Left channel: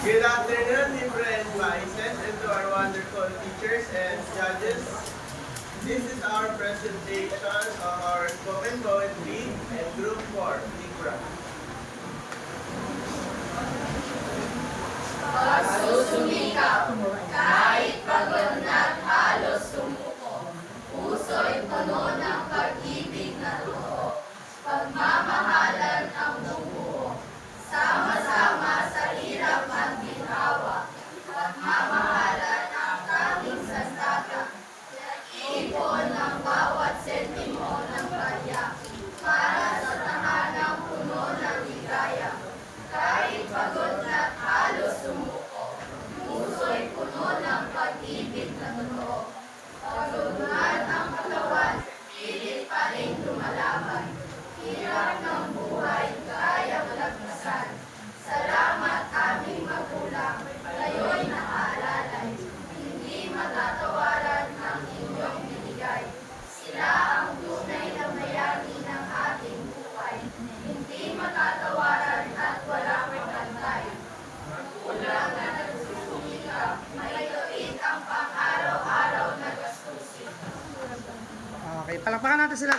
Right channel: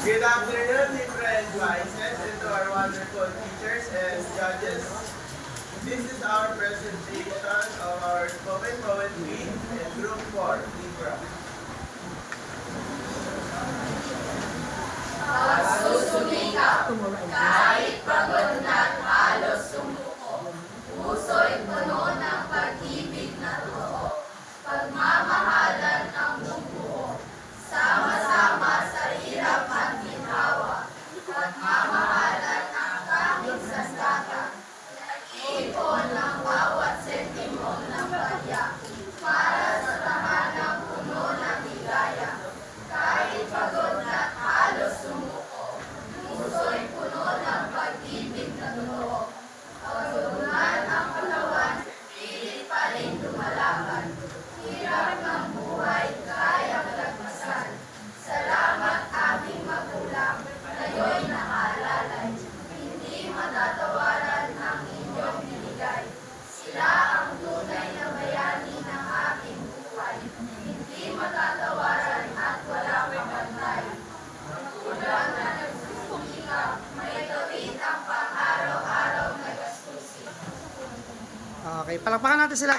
Good afternoon, different vices, and to our wonderful teachers and judges. This is our presentation of our spoken poetry and group 4, Libra. Pagsusumikap, kahit pagod na't halos sumuko, puso'y puno ng pag-ibig na totoo, pagmamahalan ang bubuo, sama-sama sa hirap at ginhawa, pagmamahalan ang tanging sandata, nag-iipon ng bawat sentimo ng barya, para sa tahanang puno ng ligaya, kahit pagod na't halos sumuko, puso'y puno ng pag-ibig na totoo. Pagdudulan ang katawan, pilit pa rin lumalaban. Hirap ng buhay, kayang lagpasan. Salamat aming magulang, kayo'y nakaalalay. Hindi matatawaran ang inyong binigay. Sila ang tunay na bayani ng ating buhay. Hindi matatawaran at walang magantay. Magulang na nagsusumikap, may gawin ang pang-araw-araw na gastusin. Okay, palakpakan natin sila.